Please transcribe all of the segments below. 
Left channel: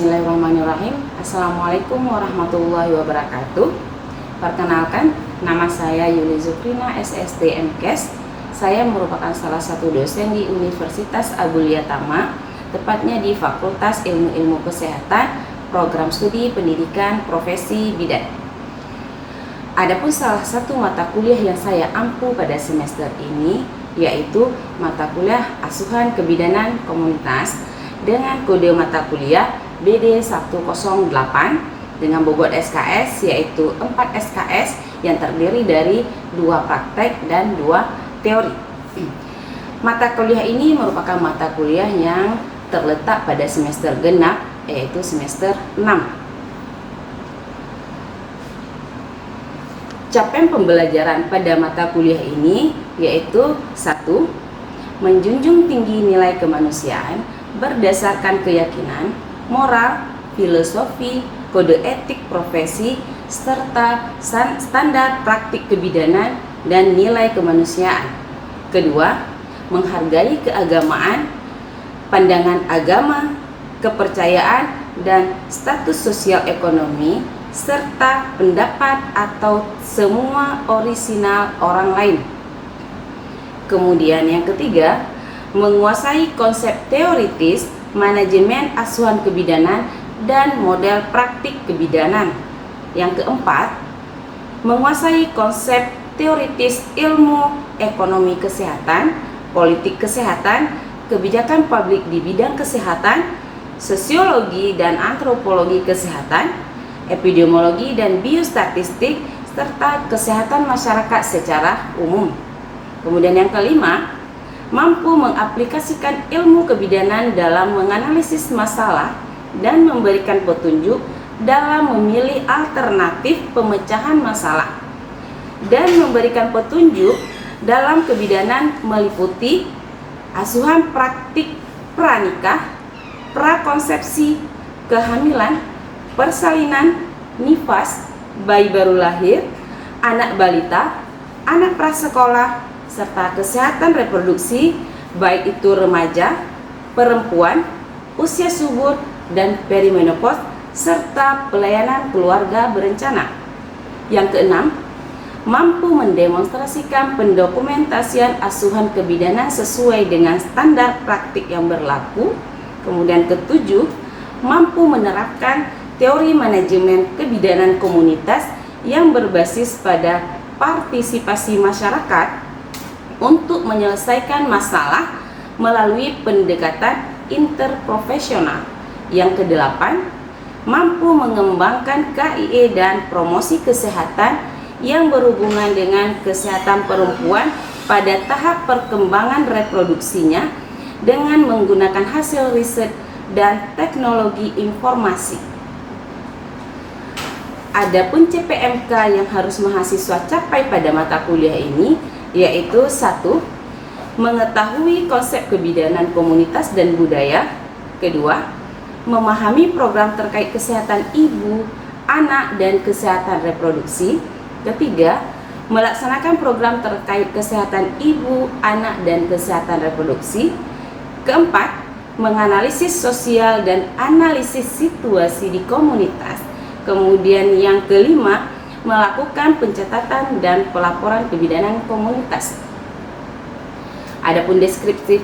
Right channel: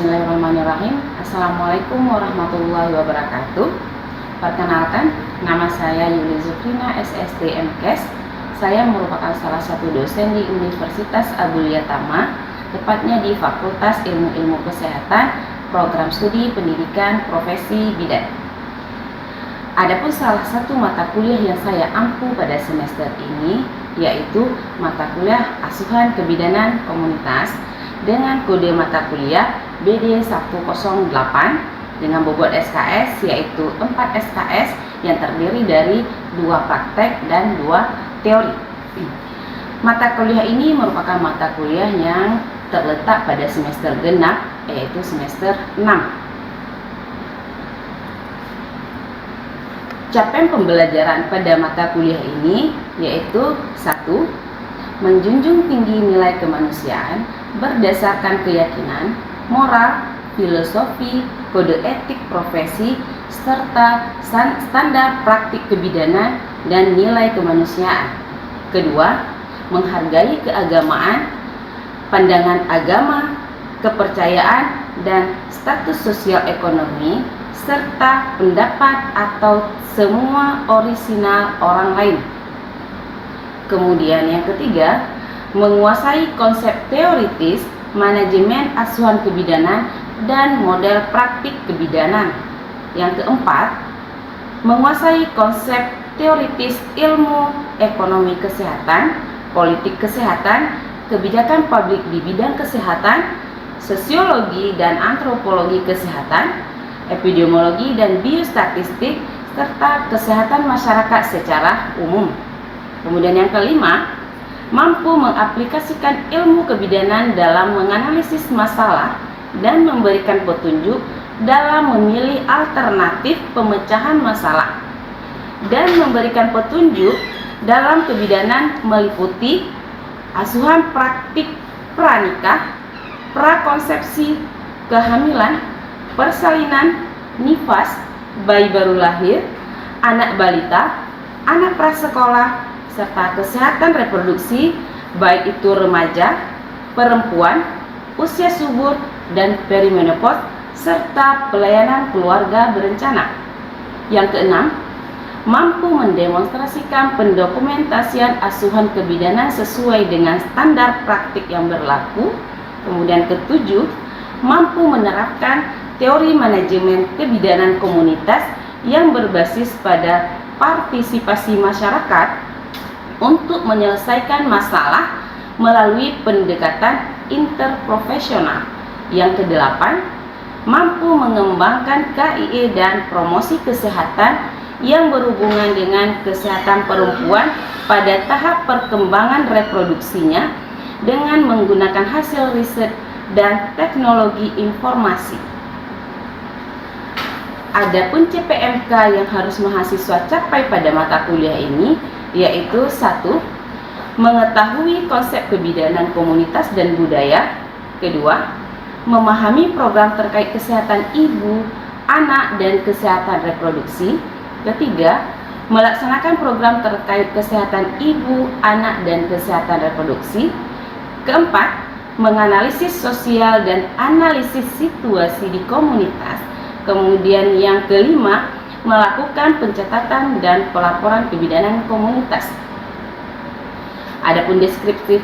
Bismillahirrahmanirrahim. Assalamualaikum warahmatullahi wabarakatuh. Perkenalkan, nama saya Yuli Zukrina, SSD MKes. Saya merupakan salah satu dosen di Universitas Abulia Tama, tepatnya di Fakultas Ilmu Kesehatan, Program Studi Pendidikan Profesi Bidan. Adapun salah satu mata kuliah yang saya ampu pada semester ini yaitu mata kuliah Asuhan Kebidanan Komunitas dengan kode mata kuliah BD 108 dengan bobot SKS yaitu 4 SKS yang terdiri dari 2 praktek dan 2 teori. Mata kuliah ini merupakan mata kuliah yang terletak pada semester genap yaitu semester 6. Capaian pembelajaran pada mata kuliah ini yaitu 1. Menjunjung tinggi nilai kemanusiaan berdasarkan keyakinan, moral, filosofi, kode etik profesi, serta standar praktik kebidanan dan nilai kemanusiaan. Kedua, menghargai keagamaan, pandangan agama, kepercayaan, dan status sosial ekonomi, serta pendapat atau semua orisinal orang lain. Kemudian yang ketiga, menguasai konsep teoritis, manajemen asuhan kebidanan, dan model praktik kebidanan. Yang keempat, menguasai konsep teoritis ilmu ekonomi kesehatan, politik kesehatan, kebijakan publik di bidang kesehatan, sosiologi dan antropologi kesehatan, epidemiologi dan biostatistik, serta kesehatan masyarakat secara umum. Kemudian yang kelima, mampu mengaplikasikan ilmu kebidanan dalam menganalisis masalah dan memberikan petunjuk dalam memilih alternatif pemecahan masalah dan memberikan petunjuk dalam kebidanan meliputi asuhan praktik pranikah, prakonsepsi, kehamilan, persalinan, nifas, bayi baru lahir, anak balita, anak prasekolah, serta kesehatan reproduksi, baik itu remaja, perempuan, usia subur, dan perimenopause, serta pelayanan keluarga berencana. Yang keenam, mampu mendemonstrasikan pendokumentasian asuhan kebidanan sesuai dengan standar praktik yang berlaku. Kemudian ketujuh, mampu menerapkan teori manajemen kebidanan komunitas yang berbasis pada partisipasi masyarakat untuk menyelesaikan masalah melalui pendekatan interprofesional. Yang kedelapan, mampu mengembangkan KIE dan promosi kesehatan yang berhubungan dengan kesehatan perempuan pada tahap perkembangan reproduksinya dengan menggunakan hasil riset dan teknologi informasi. Adapun CPMK yang harus mahasiswa capai pada mata kuliah ini yaitu 1. Mengetahui konsep kebidanan komunitas dan budaya. Kedua, memahami program terkait kesehatan ibu, anak, dan kesehatan reproduksi. Ketiga, melaksanakan program terkait kesehatan ibu, anak, dan kesehatan reproduksi. Keempat, menganalisis sosial dan analisis situasi di komunitas. Kemudian yang kelima, melakukan pencatatan dan pelaporan kebidanan komunitas. Adapun deskripsi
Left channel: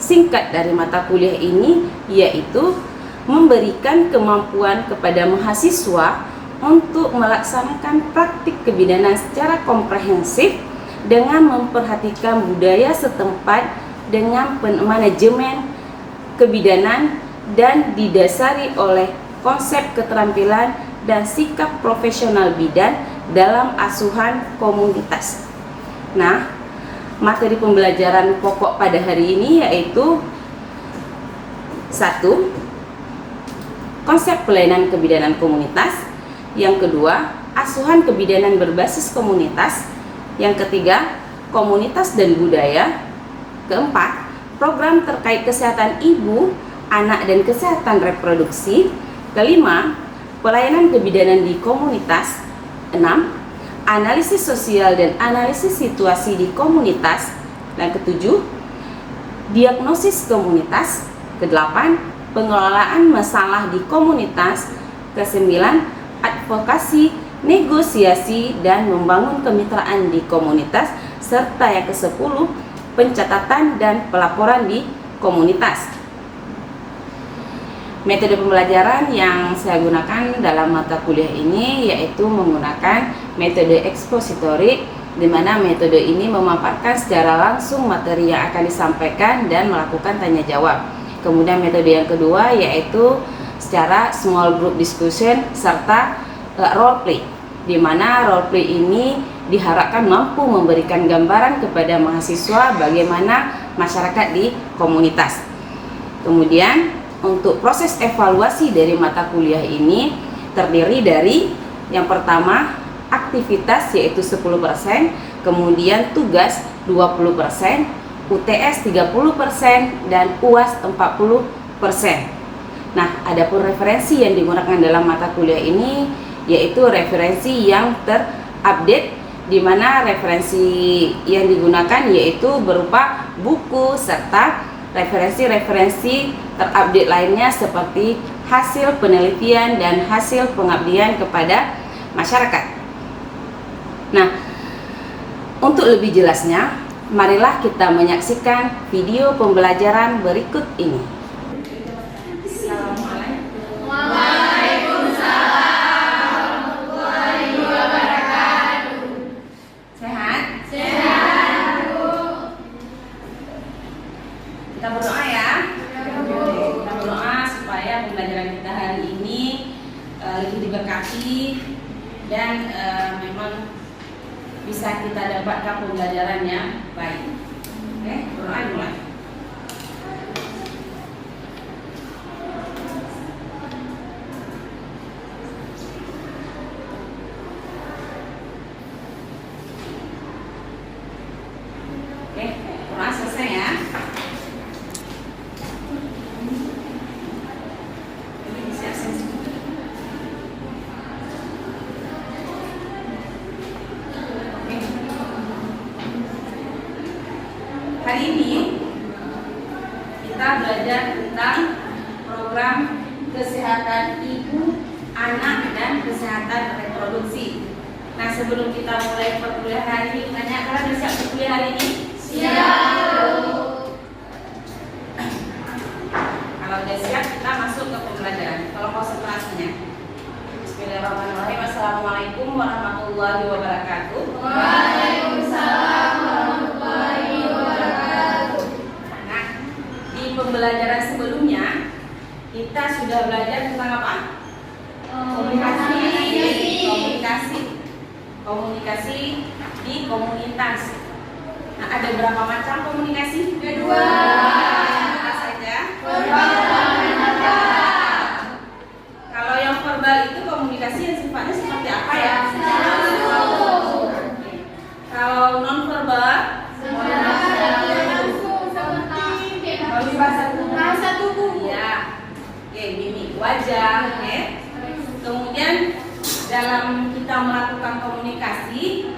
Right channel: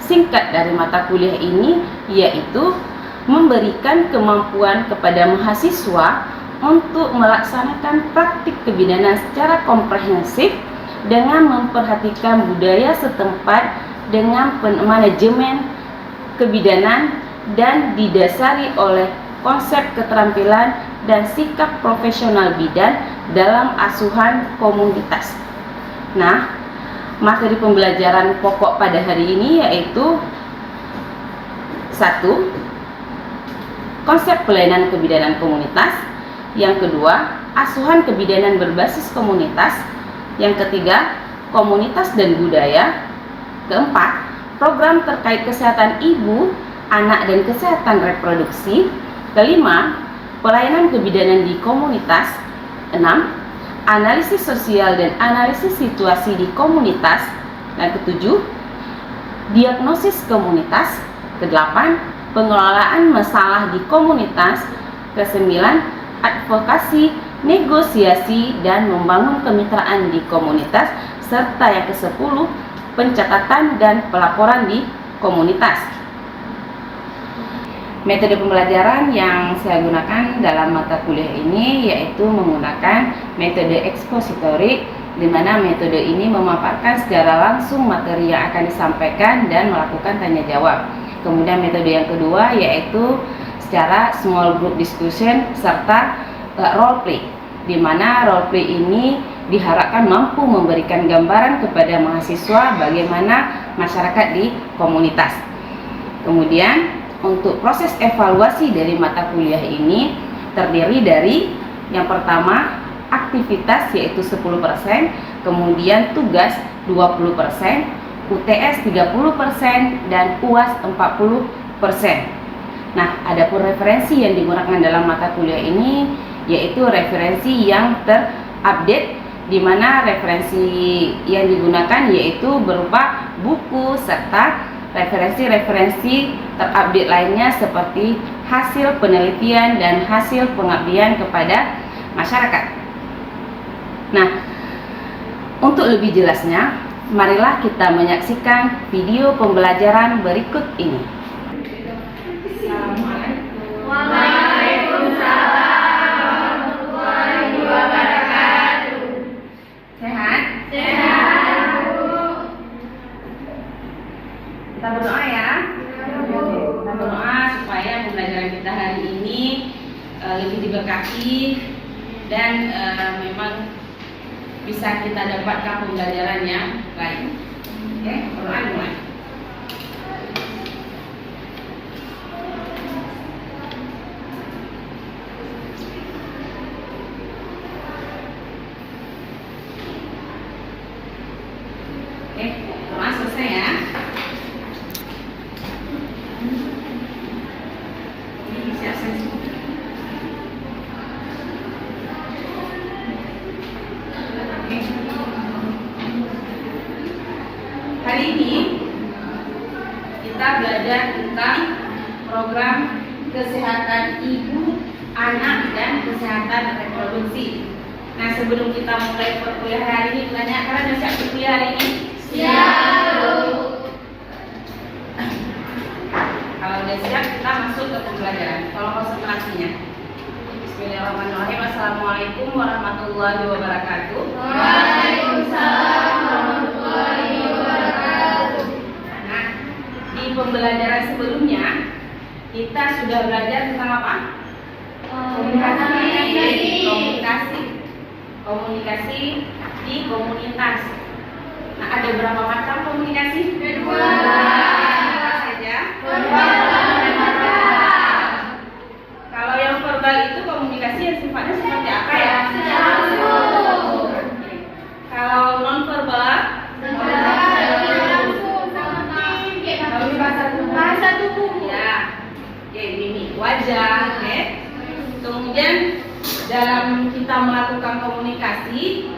singkat dari mata kuliah ini yaitu memberikan kemampuan kepada mahasiswa untuk melaksanakan praktik kebidanan secara komprehensif dengan memperhatikan budaya setempat dengan manajemen kebidanan dan didasari oleh konsep keterampilan dan sikap profesional bidan dalam asuhan komunitas. Nah, materi pembelajaran pokok pada hari ini yaitu 1. Konsep pelayanan kebidanan komunitas. Yang kedua, asuhan kebidanan berbasis komunitas. Yang ketiga, komunitas dan budaya. Keempat, program terkait kesehatan ibu, anak, dan kesehatan reproduksi. Kelima, pelayanan kebidanan di komunitas. 6. Analisis sosial dan analisis situasi di komunitas. Dan ketujuh, diagnosis komunitas. Ke-8, pengelolaan masalah di komunitas. Kesembilan, advokasi, negosiasi, dan membangun kemitraan di komunitas. Serta yang ke-10, pencatatan dan pelaporan di komunitas. Metode pembelajaran yang saya gunakan dalam mata kuliah ini yaitu menggunakan metode ekspositorik, di mana metode ini memaparkan secara langsung materi yang akan disampaikan dan melakukan tanya jawab. Kemudian metode yang kedua yaitu secara small group discussion serta role play, di mana role play ini diharapkan mampu memberikan gambaran kepada mahasiswa bagaimana masyarakat di komunitas. Kemudian untuk proses evaluasi dari mata kuliah ini terdiri dari yang pertama aktivitas yaitu 10%, kemudian tugas 20%, UTS 30%, dan UAS 40%. Nah, adapun referensi yang digunakan dalam mata kuliah ini yaitu referensi yang terupdate, di mana referensi yang digunakan yaitu berupa buku serta referensi-referensi terupdate lainnya seperti hasil penelitian dan hasil pengabdian kepada masyarakat. Nah, untuk lebih jelasnya, marilah kita menyaksikan video pembelajaran berikut ini. Assalamualaikum. Waalaikumsalam warahmatullahi wabarakatuh. Sehat? Sehat, Bu. Kita berdoa ya. Kita berdoa supaya pembelajaran kita hari ini lebih diberkati dan memang bisa kita dapatkan pembelajaran yang baik. Oke, berdoa mulai. Oke, berdoa selesai ya. Ini siap-siap. Hari ini kita belajar tentang program kesehatan ibu, anak, dan kesehatan reproduksi. Nah, sebelum kita mulai perkuliahan hari ini, banyak kalian udah siap perkuliahan hari ini? Siap, Bu. Kalau udah siap, kita masuk ke pembelajaran. Tolong konsentrasinya. Bismillahirrahmanirrahim. Assalamualaikum warahmatullahi wabarakatuh. Waalaikumsalam warahmatullahi wabarakatuh. Nah, di pembelajaran sebelumnya kita sudah belajar tentang apa? Komunikasi di komunitas. Nah, ada berapa macam komunikasi? Dua. Apa saja? Verbal dan non-verbal. Kalau yang verbal itu komunikasi yang sifatnya seperti apa ya? Langsung. Kalau non verbal Bahasa tubuh. ya, mimik wajah, oke. Kemudian dalam kita melakukan komunikasi,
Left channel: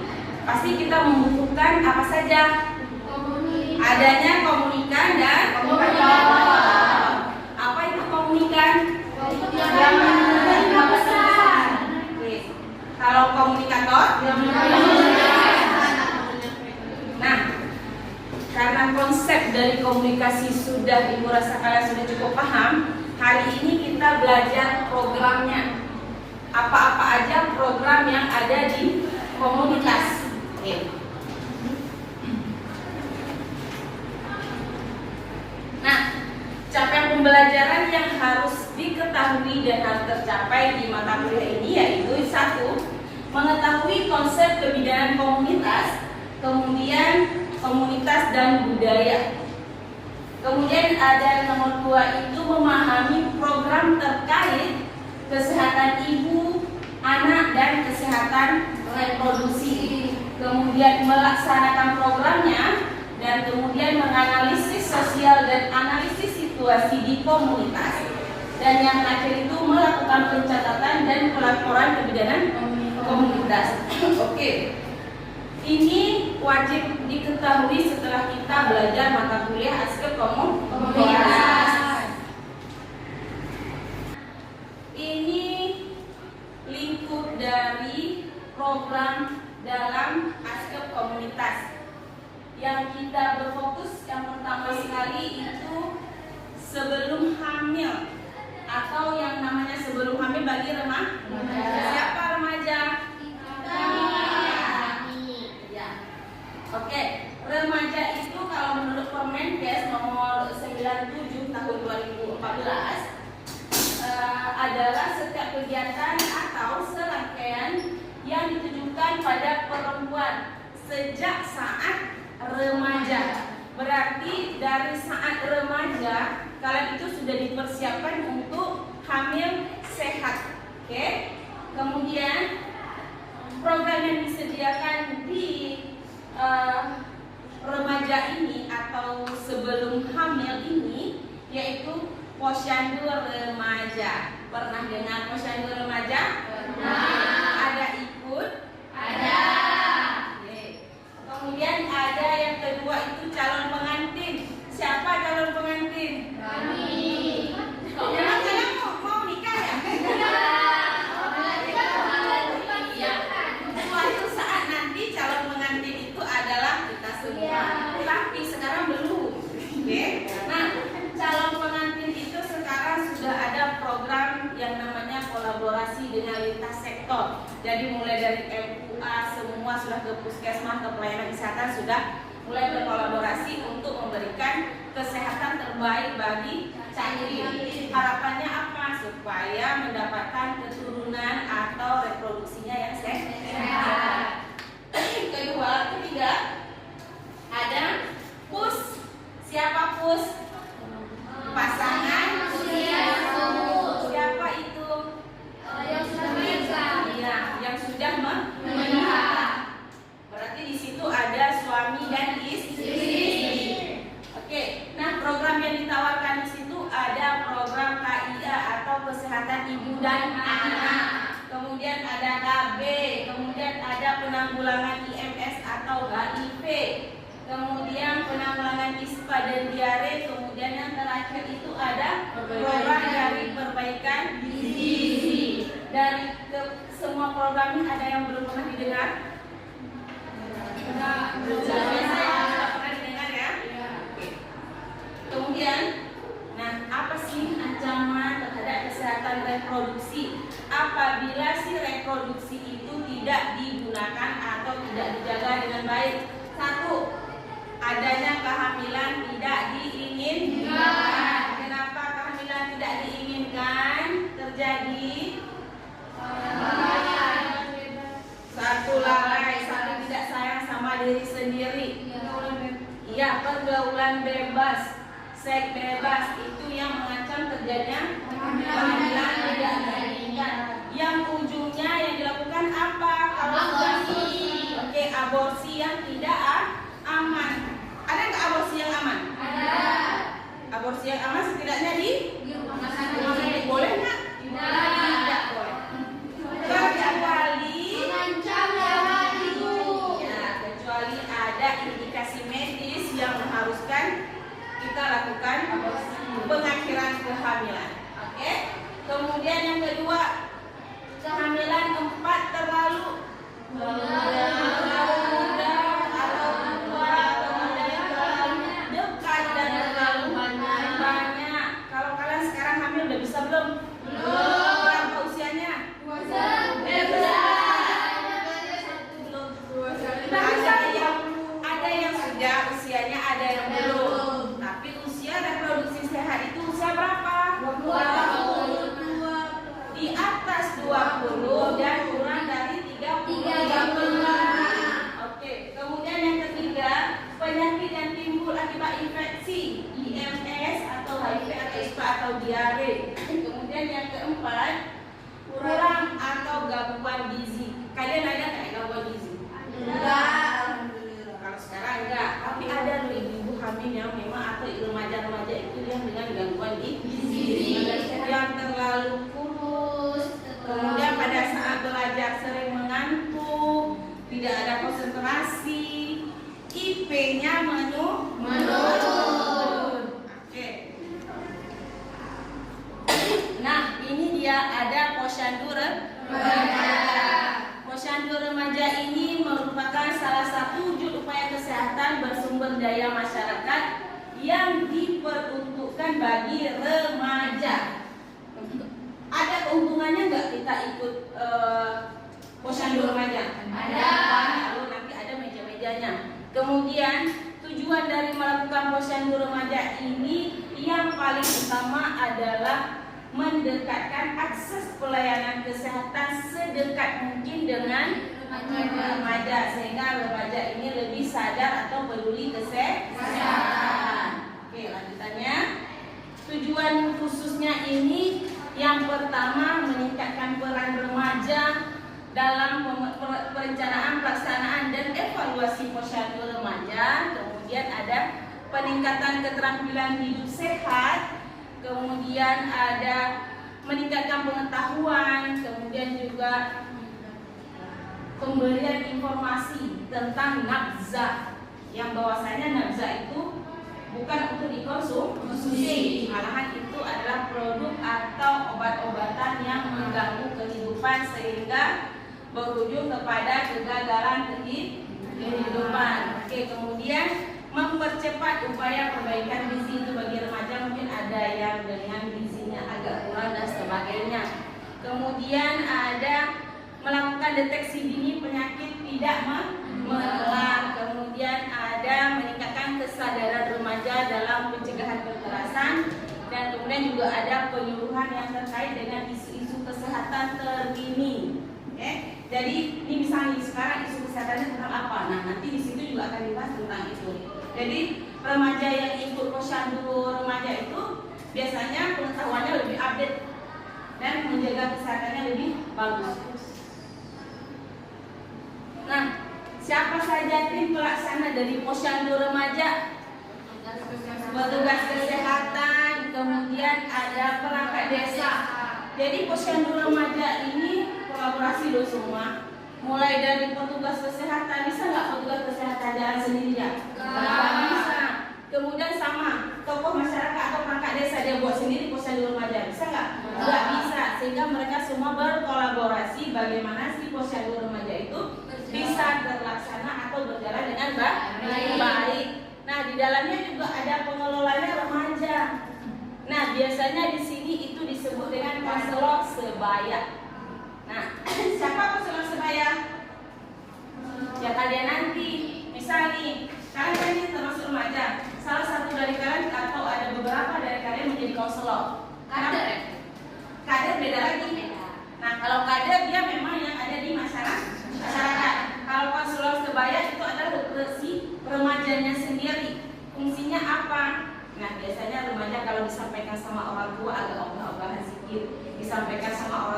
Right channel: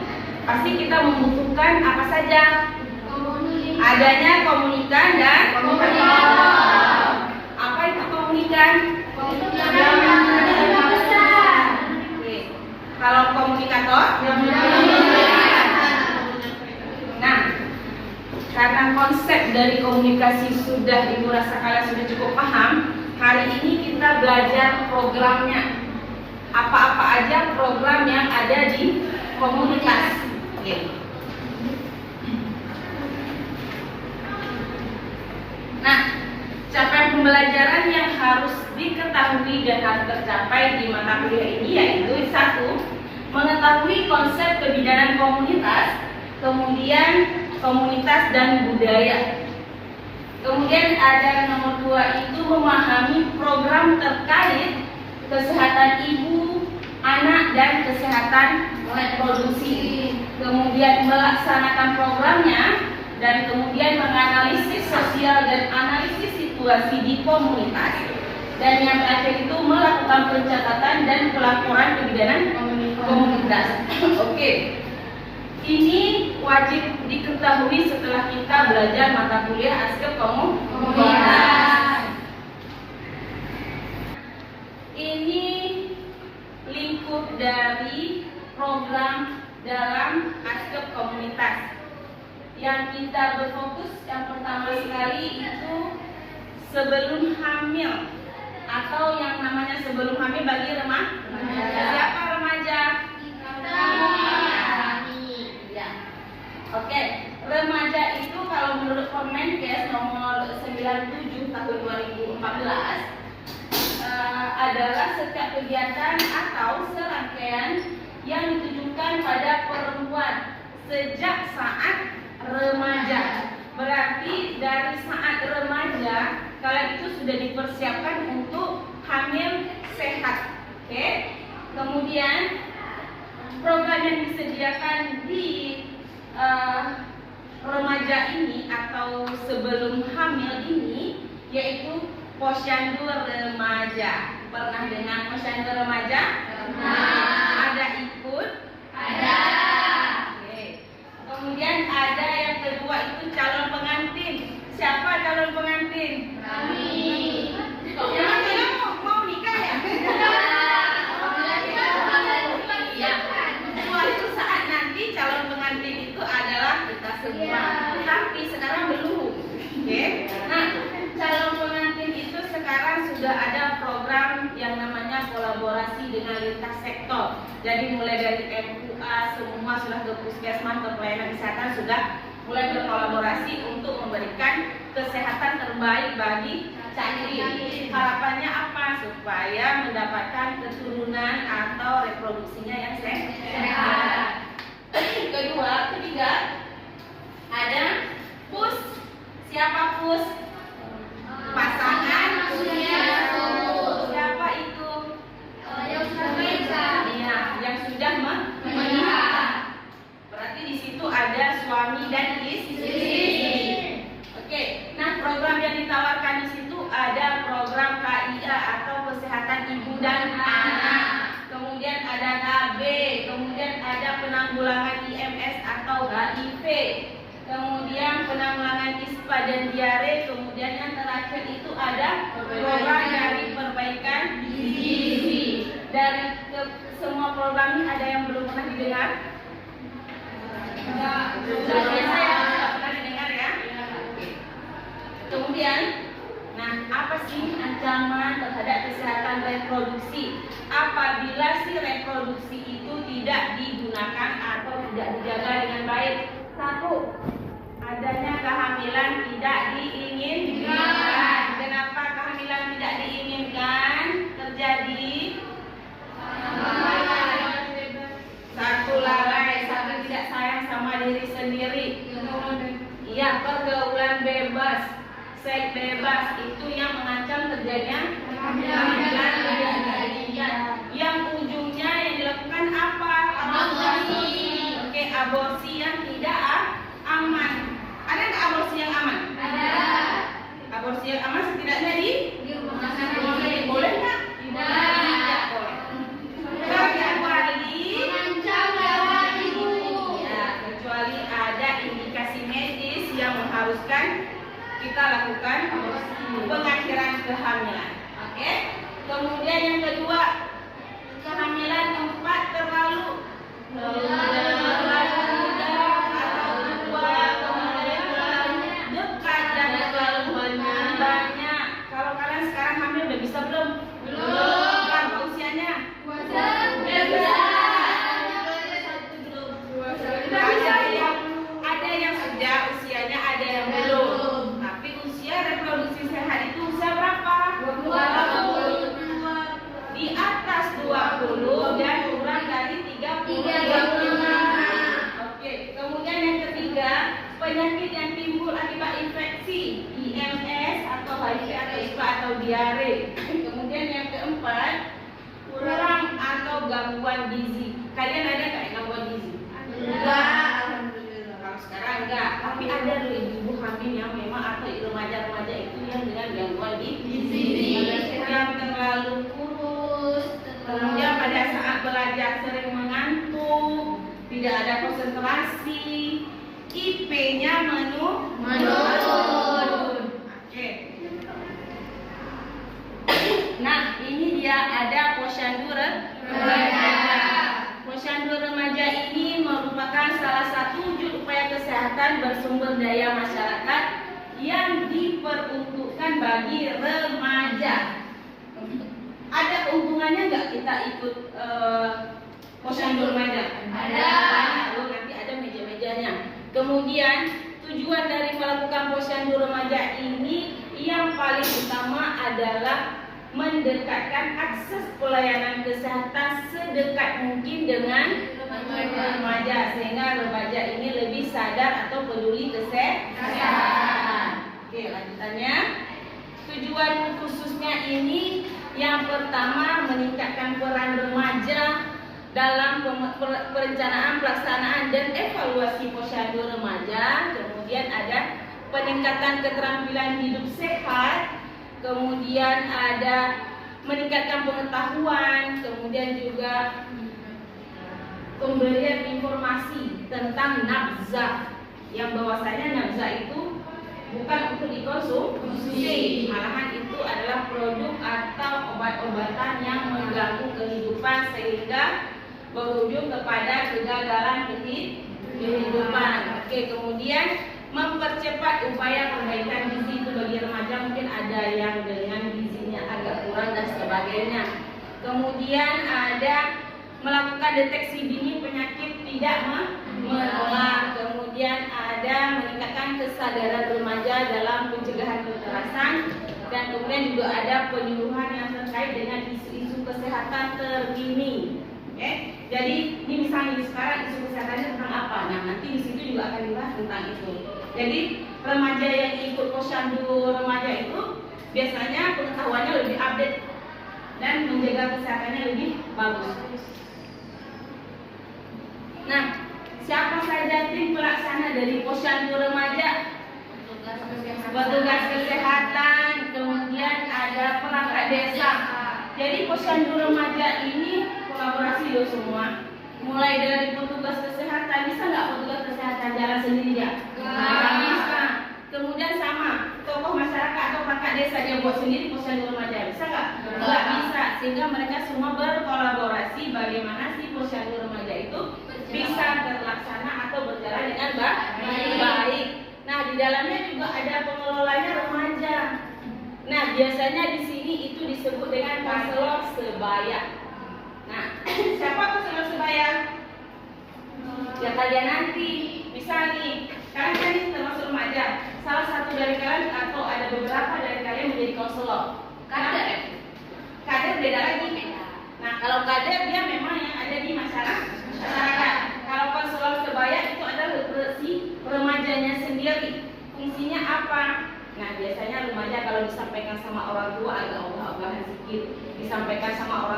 pasti kita membutuhkan apa saja? Adanya komunikan dan komunikator. Apa itu komunikan? Oke. Kalau komunikator? Nah, karena konsep dari komunikasi sudah Ibu rasa kalian sudah cukup paham, hari ini kita belajar programnya. Apa-apa aja program yang ada di komunitas. Oke. Nah, capaian pembelajaran yang harus diketahui dan harus tercapai di mata kuliah ini yaitu 1. Mengetahui konsep kebidanan komunitas, kemudian komunitas dan budaya. Kemudian ada nomor 2 itu memahami program terkait kesehatan ibu, anak, dan kesehatan reproduksi. Kemudian melaksanakan programnya dan kemudian menganalisis sosial dan analisis situasi di komunitas. Dan yang terakhir itu melakukan pencatatan dan pelaporan kebidanan komunitas. Oke. Ini wajib diketahui setelah kita belajar mata kuliah aspek komunitas. dalam aspek komunitas. Yang kita berfokus yang pertama sekali itu sebelum hamil, atau yang namanya sebelum hamil bagi remaja. Siapa remaja? Ya. Oke, remaja itu kalau menurut Permenkes nomor 97 tahun 2014 adalah setiap kegiatan atau serangkaian yang ditujukan pada perempuan sejak saat remaja. Berarti dari saat remaja kala itu sudah dipersiapkan untuk hamil sehat. Oke. Kemudian program yang disediakan di remaja ini atau sebelum hamil ini yaitu posyandu remaja. Pernah dengar posyandu remaja? Pernah. Ada ikut? Ada. Oke. Kemudian ada yang kedua itu calon pengantin. Siapa calon pengantin? Kami. Emang kalian mau nikah ya? Ya. Suatu saat nanti calon pengantin itu adalah kita semua. Tapi sekarang belum. Oke. Nah, calon pengantin itu sekarang sudah ada program yang namanya kolaborasi dengan lintas sektor. Jadi mulai dari MUA semua sudah ke puskesmas, ke pelayanan kesehatan sudah mulai berkolaborasi untuk memberikan kesehatan terbaik bagi Cairin. Harapannya apa? Supaya mendapatkan keturunan atau reproduksinya yang sehat. Ketiga, ada PUS. Siapa PUS? Pasangan usia subur. Siapa itu? Yang sudah menikah. Iya, yang sudah menikah. Berarti di situ ada suami dan istri. Oke. Nah, program yang ditawarkan di situ ada program KIA atau kesehatan ibu dan anak. Kemudian ada KB, kemudian ada penanggulangan IMS atau HIV. Kemudian penanggulangan ISPA dan diare. Kemudian yang terakhir itu ada program dari perbaikan gizi. Dari semua program ini ada yang belum pernah didengar? Saya pernah didengar ya. Kemudian, nah apa sih ancaman terhadap kesehatan reproduksi? Apabila si reproduksi itu tidak digunakan atau tidak dijaga dengan baik. Satu, adanya kehamilan tidak diinginkan. Kenapa kehamilan tidak diinginkan terjadi? Satu, lalai, satu tidak sayang sama diri sendiri. Iya, pergaulan bebas, seks bebas itu yang mengancam terjadinya kehamilan tidak diinginkan. Yang ujungnya yang dilakukan apa? Aborsi. Oke, aborsi yang tidak aman. Ada nggak aborsi yang aman? Ada. Aborsi yang aman setidaknya di rumah sakit. Boleh nggak? Tidak boleh. Kecuali mengancam nyawa ibu. Ya, kecuali ada indikasi medis yang mengharuskan kita lakukan aborsi, pengakhiran kehamilan. Oke. Kemudian yang kedua, kehamilan tempat terlalu muda atau tua, kemudian terlalu dekat dan terlalu banyak. Kalau kalian sekarang hamil udah bisa belum? Belum. Berapa usianya? Ada yang sudah usianya, ada yang belum. Tapi usia reproduksi sehat itu usia berapa? 20. Di atas 20 dan kurang dari 35. Oke, kemudian yang ketiga, penyakit yang timbul akibat infeksi, IMS atau HIV atau ISPA atau diare. Kemudian yang keempat, kurang atau gangguan gizi. Kalian ada nggak gangguan gizi? Enggak. Kalau sekarang enggak, tapi ada ibu hamil yang memang atau remaja-remaja itu yang dengan gangguan gizi, yang terlalu kurus, kemudian pada saat belajar sering mengantuk, tidak ada konsentrasi, IP-nya menurun. Oke. Nah, ini dia ada posyandu remaja. Posyandu remaja ini merupakan yang diperuntukkan bagi remaja. Ada keuntungannya nggak kita ikut posyandu remaja? Ada. Lalu nanti ada meja-mejanya. Kemudian tujuan dari melakukan posyandu remaja ini yang paling utama adalah mendekatkan akses pelayanan kesehatan sedekat mungkin dengan remaja, sehingga remaja ini lebih sadar atau peduli kesehatan. Oke, lanjutannya. Tujuan khususnya ini yang pertama meningkatkan peran remaja dalam perencanaan, pelaksanaan dan evaluasi posyandu remaja. Kemudian ada peningkatan keterampilan hidup sehat, kemudian ada meningkatkan pengetahuan, kemudian juga pemberian informasi tentang nafza, yang bahwasanya nafza itu bukan untuk dikonsumsi, malahan itu adalah produk atau obat-obatan yang mengganggu kehidupan sehingga berujung kepada kegagalan kehidupan. Oke, kemudian mempercepat upaya perbaikan gizi itu bagi remaja, mungkin ada yang dengan gizinya agak kurang dan sebagainya. Kemudian ada melakukan deteksi dini penyakit tidak menular. Kemudian ada meningkatkan kesadaran remaja dalam pencegahan kekerasan, dan kemudian juga ada penyuluhan yang terkait dengan isu-isu kesehatan terkini. Oke, jadi ini misalnya sekarang isu kesehatannya tentang apa? Nah, nanti di situ juga akan dibahas tentang itu. Jadi remaja yang ikut posyandu remaja itu biasanya pengetahuannya lebih update dan menjaga kesehatannya lebih bagus. Nah, siapa saja tim pelaksana dari posyandu remaja? Petugas kesehatan, kemudian ada perangkat desa. Jadi posyandu remaja ini kolaborasi loh semua. Mulai dari petugas kesehatan, bisa nggak petugas kesehatan jalan sendiri ya? Nggak bisa. Kemudian sama tokoh masyarakat atau perangkat desa dia buat sendiri posyandu remaja, bisa nggak? Nggak bisa. Sehingga mereka semua berkolaborasi bagaimana si posyandu remaja itu bisa terlaksana atau berjalan dengan baik. Nah, di dalamnya juga ada pengelolanya remaja. Nah, biasanya di sini itu disebut dengan konselor sebaya. Nah, siapa konselor sebaya? Ya kalian nanti. Misal nih, kalian ini termasuk remaja. Salah satu dari kalian atau ada beberapa dari kalian menjadi konselor. Kader beda lagi. Nah, kalau kader dia memang yang ada di masyarakat. Kalau konselor sebaya itu adalah si remajanya sendiri. Fungsinya apa? Nah, biasanya remaja kalau disampaikan sama orang tua agak ogah-ogahan sedikit, disampaikan sama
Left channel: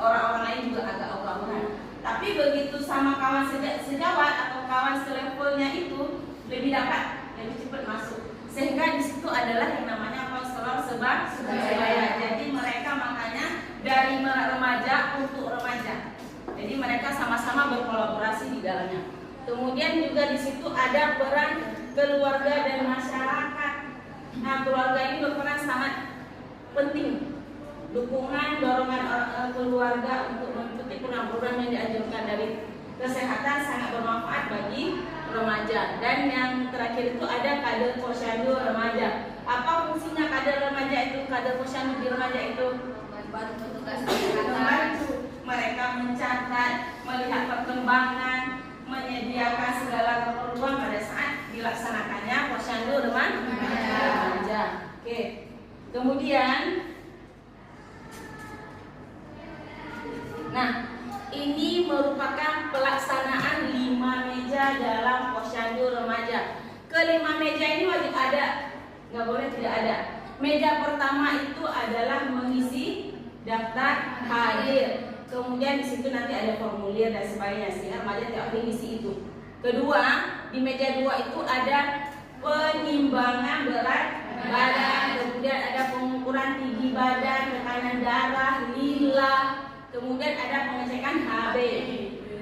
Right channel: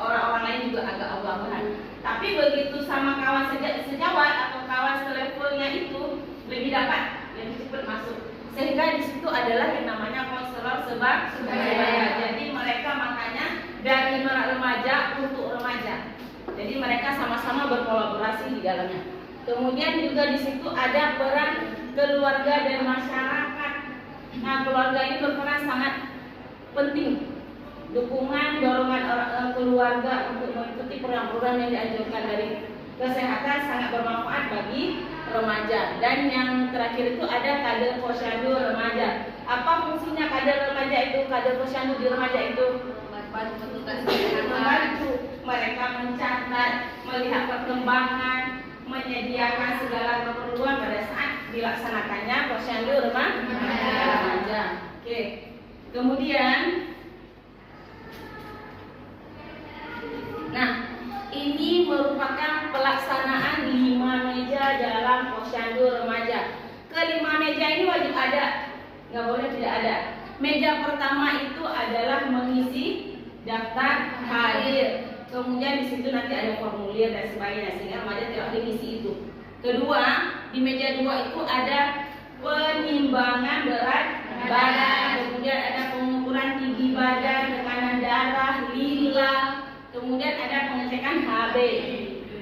orang-orang lain juga agak ogah-ogahan. Tapi begitu sama kawan sejawat atau kawan selevelnya itu lebih cepat masuk. Sehingga di situ adalah yang namanya konselor sebaya. Jadi mereka makanya dari remaja untuk remaja. Jadi mereka sama-sama berkolaborasi di dalamnya. Kemudian juga di situ ada peran keluarga dan masyarakat. Nah, keluarga ini berperan sangat penting. Dukungan, dorongan keluarga untuk mengikuti program-program yang dianjurkan dari kesehatan sangat bermanfaat bagi remaja. Dan yang terakhir itu ada kader posyandu remaja. Apa fungsinya kader remaja itu? Kader posyandu di remaja itu membantu mereka mencatat, melihat perkembangan, menyediakan segala keperluan pada saat dilaksanakannya posyandu remaja. Oke. Kemudian, nah, ini merupakan pelaksanaan 5 meja dalam posyandu remaja. Kelima meja ini wajib ada, nggak boleh tidak ada. Meja pertama itu adalah mengisi daftar hadir. Kemudian di situ nanti ada formulir dan sebagainya, sehingga remaja tidak boleh ngisi itu. Kedua, di meja 2 itu ada penimbangan berat badan, kemudian ada pengukuran tinggi badan, tekanan darah, lila, kemudian ada pengecekan HB.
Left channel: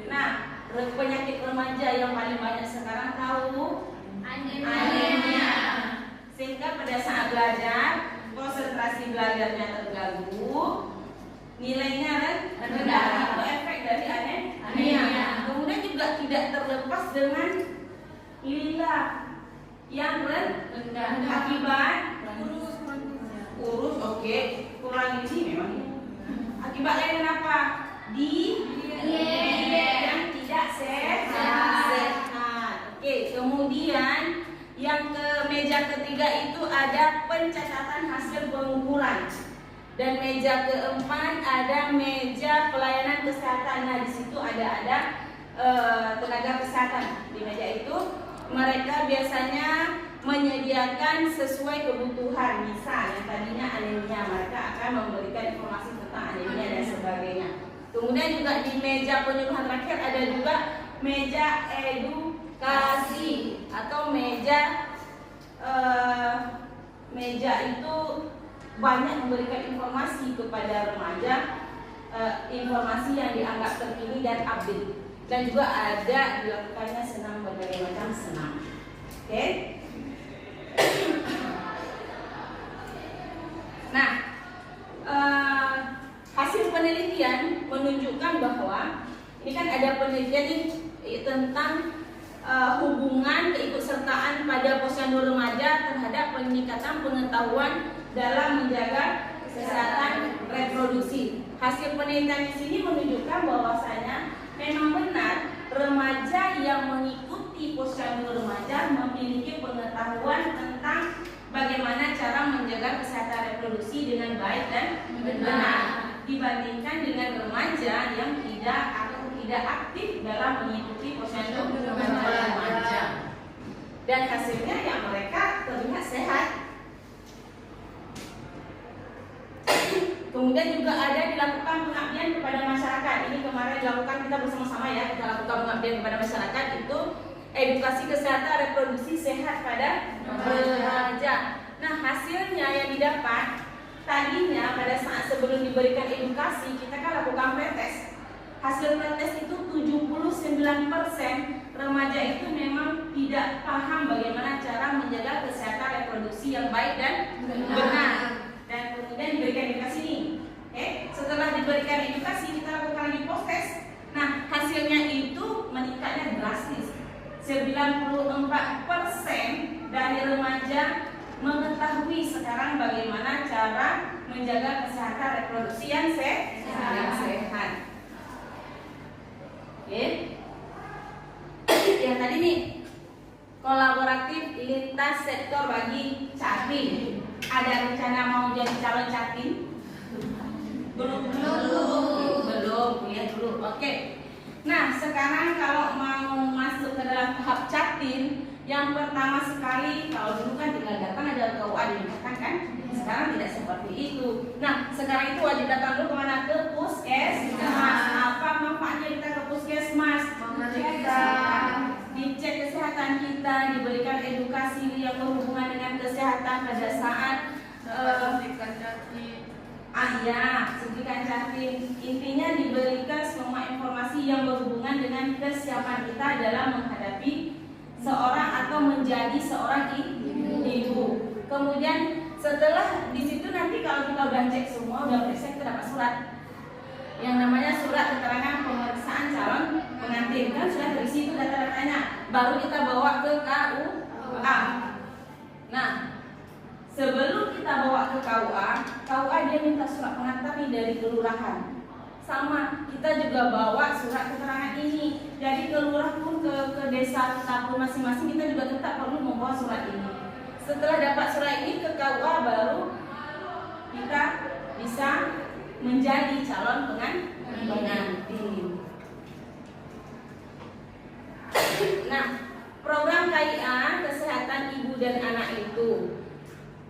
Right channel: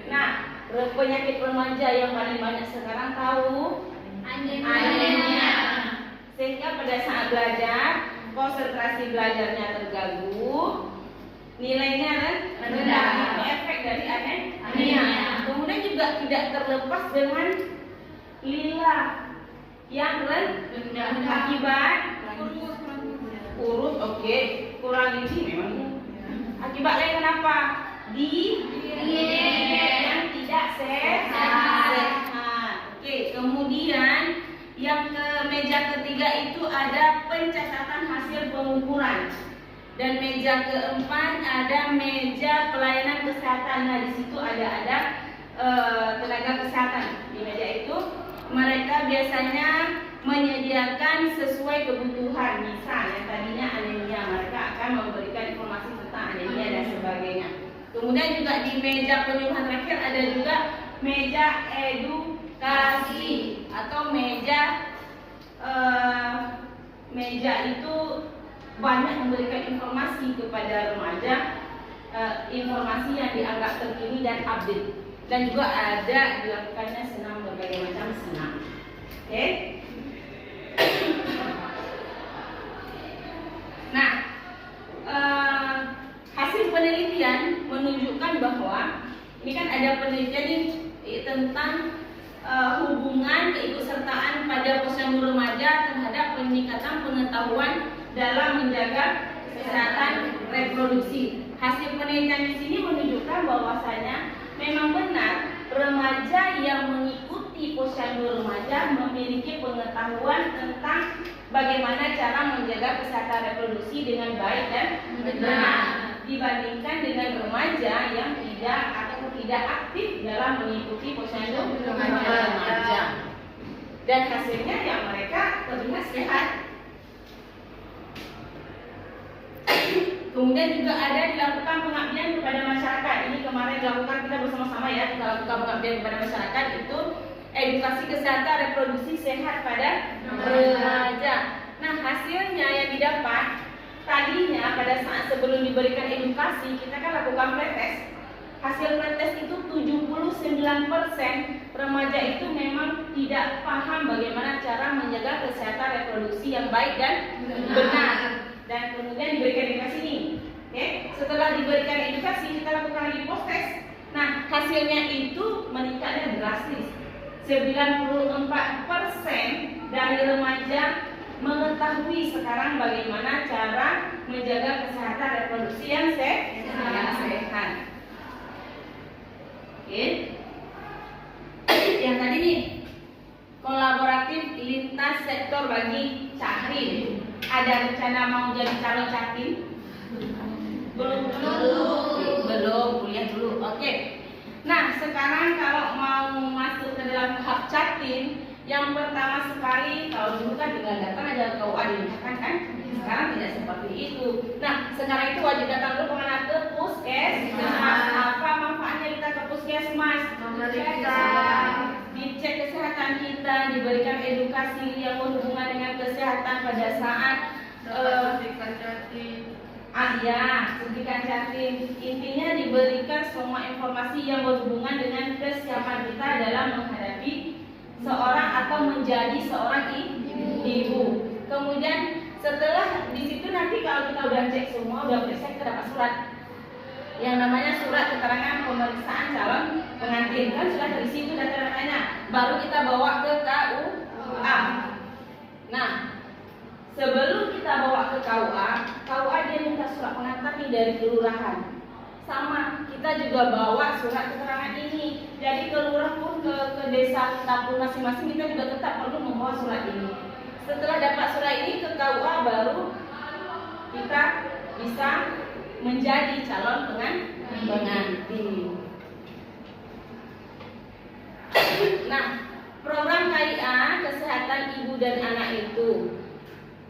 Nah, penyakit remaja yang paling banyak sekarang tahu anemia. Sehingga pada saat belajar, konsentrasi belajarnya terganggu, nilainya rendah. Itu efek dari anemia. Kemudian juga tidak terlepas dengan lila. yang rendah. Akibat kurus, oke, kurang gizi memang. Akibat lain apa? Yang tidak sehat. Oke, kemudian yang ke meja ketiga itu ada pencatatan hasil pengukuran. Dan meja keempat ada meja pelayanan kesehatan. Nah, di situ ada tenaga kesehatan. Di meja itu mereka biasanya menyediakan sesuai kebutuhan. Misal yang tadinya anemia, mereka akan memberikan informasi tentang anemia dan sebagainya. Kemudian juga di meja penyuluhan terakhir ada juga meja edukasi atau meja itu banyak memberikan informasi kepada remaja, informasi yang dianggap terkini dan update. Dan juga ada dilakukannya senam, berbagai macam senam. Oke. Nah, hasil penelitian menunjukkan bahwa ini kan ada penelitian tentang hubungan keikutsertaan pada posyandu remaja terhadap peningkatan pengetahuan dalam menjaga kesehatan reproduksi. Hasil penelitian di sini menunjukkan bahwasanya memang benar remaja yang mengikuti posyandu remaja memiliki pengetahuan tentang bagaimana cara menjaga kesehatan reproduksi dengan baik dan benar dibandingkan dengan remaja yang tidak aktif dalam mengikuti posyandu remaja. Dan hasilnya yang mereka terlihat sehat. Kemudian juga ada dilakukan pengabdian kepada masyarakat. Ini kemarin dilakukan kita bersama-sama ya, kita lakukan pengabdian kepada masyarakat itu edukasi kesehatan reproduksi sehat pada remaja. Nah, hasilnya yang didapat tadinya pada saat sebelum diberikan edukasi kita kan lakukan pretest. Hasil pretest itu 79% remaja itu memang tidak paham bagaimana cara menjaga kesehatan reproduksi yang baik dan benar. Dan kemudian diberikan edukasi ini. Oke, setelah diberikan edukasi kita lakukan lagi post test. Nah, hasilnya itu meningkatnya drastis. 94% dari remaja mengetahui sekarang bagaimana cara menjaga kesehatan reproduksi yang sehat. Oke. Yang tadi nih kolaboratif lintas sektor bagi Caktim. Ada rencana mau jadi calon Caktim? Belum, kuliah dulu. Oke. Nah, sekarang kalau mau masuk ke dalam tahap Caktim, yang pertama sekali, kalau dulu kan tinggal datang ada KUA dimintakan kan? Sekarang tidak seperti itu. Nah, sekarang itu wajib datang dulu kemana? Ke Puskesmas. Apa manfaatnya kita ke Puskesmas? Dicek kesehatan kita, diberikan edukasi yang berhubungan dengan kesehatan pada saat suntikan Caktim. Intinya diberikan semua informasi yang berhubungan dengan kesiapan kita dalam menghadapi seorang atau menjadi seorang ibu. Kemudian setelah di situ nanti kalau kita udah cek semua, udah periksa, kita dapat surat yang namanya surat keterangan pemeriksaan calon pengantin. Kan sudah terisi itu data-datanya, baru kita bawa ke KUA. Nah, sebelum kita bawa ke KUA dia minta surat pengantar nih dari kelurahan. Sama, kita juga bawa surat keterangan ini. Jadi ke lurah pun ke desa kita pun masing-masing kita juga tetap perlu membawa surat ini. Setelah dapat surat ini ke KUA baru kita bisa menjadi calon pengantin. Nah, program KIA kesehatan ibu dan anak itu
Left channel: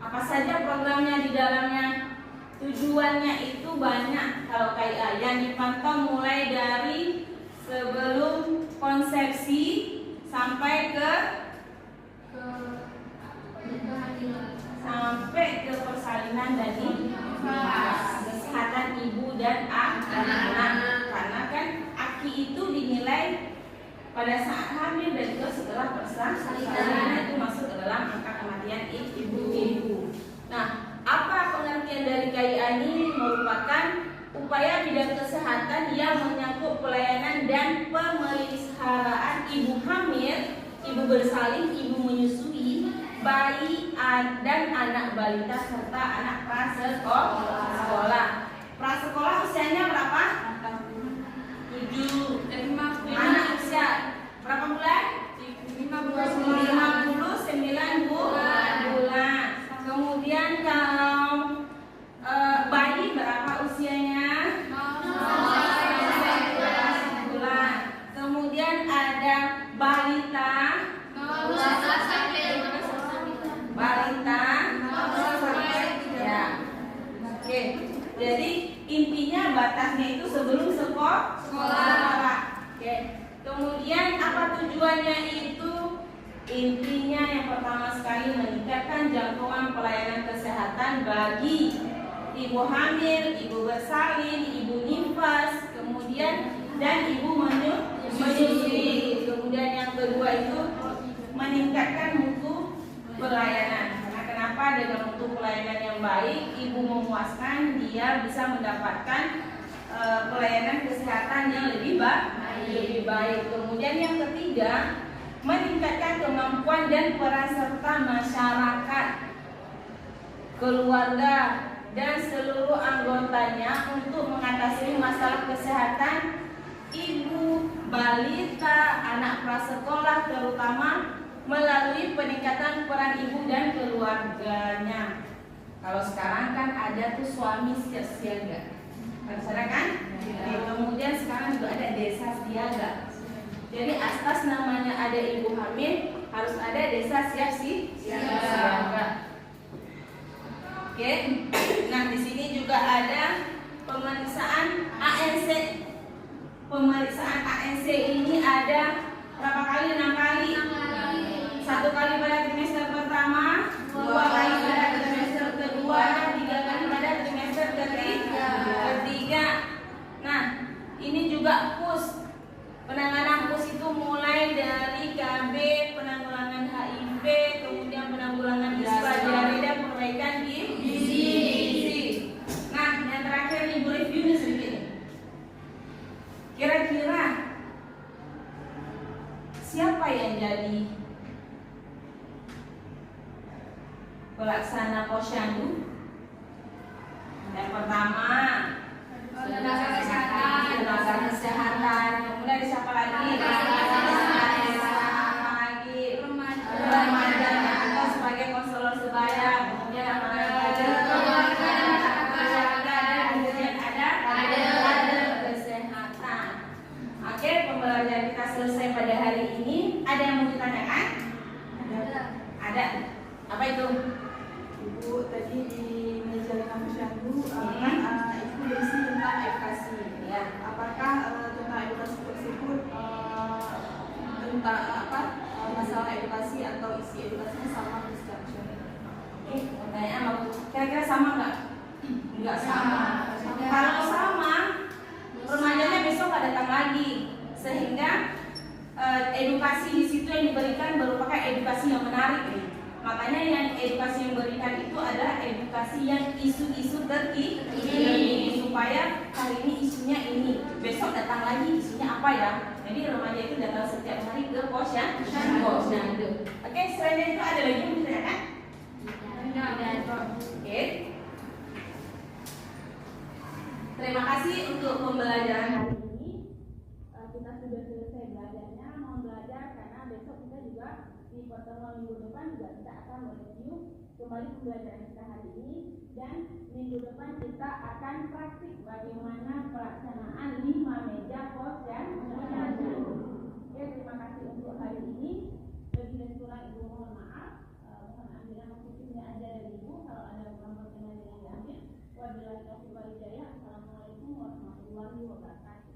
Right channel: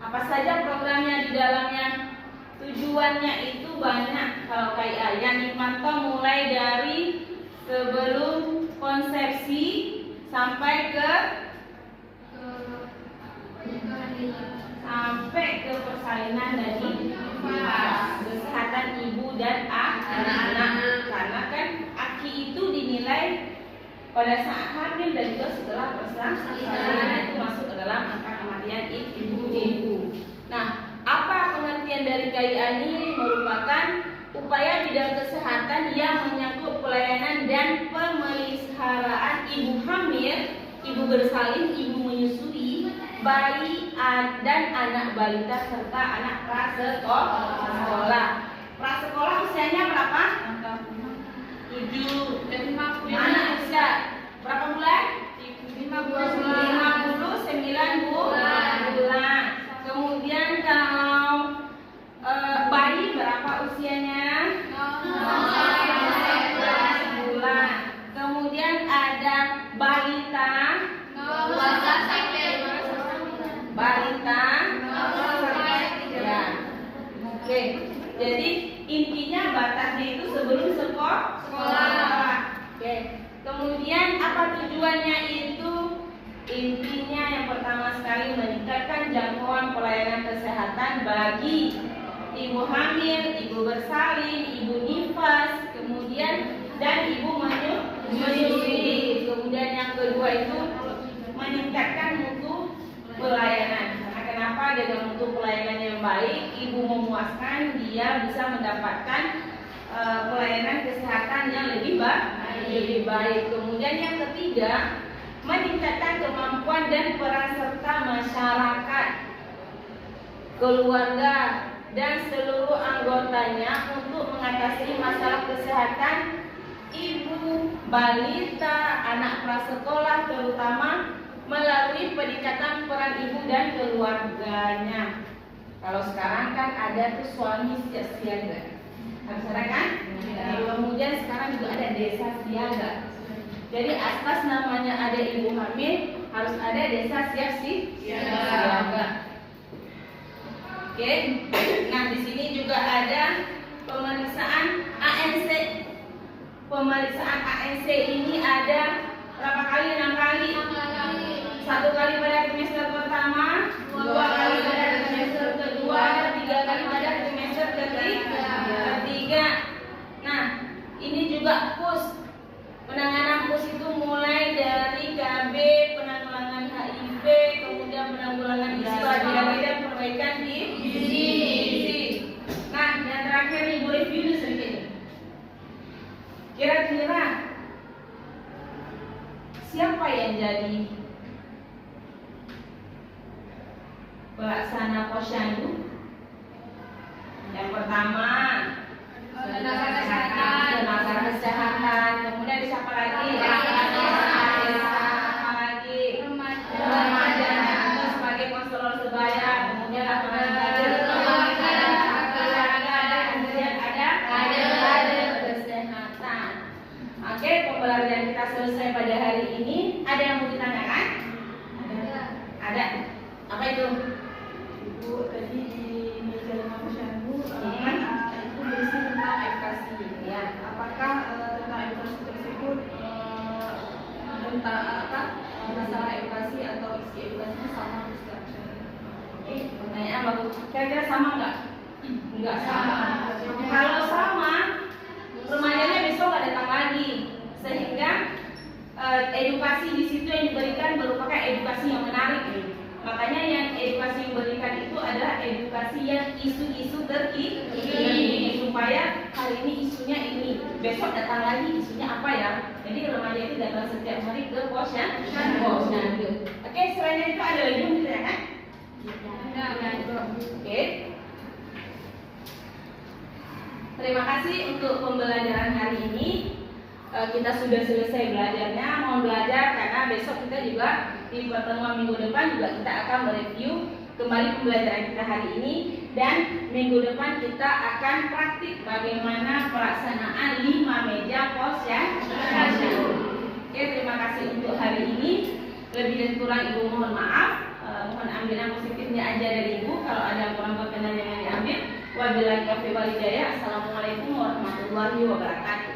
apa saja programnya di dalamnya? Tujuannya itu banyak. Kalau KIA yang dipantau mulai dari sebelum konsepsi sampai ke persalinan dan kesehatan ibu dan anak. Karena kan AKI itu dinilai pada saat hamil dan juga setelah persalinan itu masuk ke dalam angka kematian ibu. Nah, apa pengertian dari KIA ini? Merupakan upaya bidang kesehatan yang menyangkut pelayanan dan pemeliharaan ibu hamil, ibu bersalin, ibu menyusui, bayi dan anak balita serta anak prasekolah. Prasekolah usianya berapa? 7. Anak usia berapa bulan? 59 bulan. Kemudian kalau bayi berapa usianya? 11 bulan. Kemudian ada balita. Ya. Oke. Jadi intinya batasnya itu sebelum sekolah. Oke. Kemudian apa tujuannya itu? Intinya yang pertama sekali meningkatkan jangkauan pelayanan kesehatan bagi ibu hamil, ibu bersalin, ibu nifas, kemudian dan ibu menyusui. Kemudian yang kedua itu meningkatkan mutu pelayanan. Karena kenapa? Dengan mutu pelayanan yang baik, ibu memuaskan, dia bisa mendapatkan pelayanan kesehatan yang lebih baik. Kemudian yang ketiga, meningkatkan kemampuan dan peran serta masyarakat, keluarga dan seluruh anggotanya untuk mengatasi masalah kesehatan ibu, balita, anak prasekolah, terutama melalui peningkatan peran ibu dan keluarganya. Kalau sekarang kan ada tuh suami siaga, ada kan? Kemudian sekarang juga ada desa siaga. Jadi atas namanya ada ibu hamil, harus ada desa siaga. Oke. Nah, di sini juga ada pemeriksaan ANC. Pemeriksaan ANC ini ada berapa kali? 6 kali. 1 kali pada trimester pertama, 2 kali pada trimester kedua, 3 kali pada trimester ketiga. Nah, ini juga PUS. Penanganan PUS itu mulai dari KB, penanggulangan HIV, kemudian penanggulangan ispa, diare dan perbaikan gizi. Nah, yang terakhir ibu review sedikit. Kira-kira siapa yang jadi pelaksana posyandu? Yang pertama tenaga kesehatan, kemudian siapa lagi? Remaja atau sebagai konselor sebaya, kemudian apa lagi? Kemudian ada kesehatan. Oke, pembelajaran kita selesai pada hari ini. Ada yang mau ditanyakan? Ada. Apa itu? Ibu tadi di meja 5 posyandu itu berisi tentang edukasi. Ya. Apakah tentang edukasi tersebut tentang masalah edukasi atau isi edukasinya sama dengan Pertanyaan bagus. Kira-kira sama nggak? Nggak sama. Kalau sama, remajanya besok nggak datang lagi, sehingga edukasi di situ yang diberikan merupakan edukasi yang menarik. Makanya yang edukasi yang diberikan itu adalah edukasi yang isu-isu terkini, supaya hari ini isunya ini, besok datang lagi isunya apa ya. Jadi remaja itu datang setiap hari ke posyandu. Oke, selain itu ada lagi yang ditanyakan? Oke. Terima kasih untuk pembelajaran hari ini. Kita sudah selesai belajarnya. Mohon belajar karena besok kita juga di pertemuan minggu depan juga kita akan mereview kembali pembelajaran kita hari ini, dan minggu depan kita akan praktik bagaimana pelaksanaan 5 meja posyandu. Oke, terima kasih untuk hari ini. Lebih dan kurang ibu mohon maaf. Mohon ambilan positifnya aja dari ibu. Kalau ada kurang berkenan yang diambil. Wabillahi taufiq wal hidayah. Assalamualaikum warahmatullahi wabarakatuh.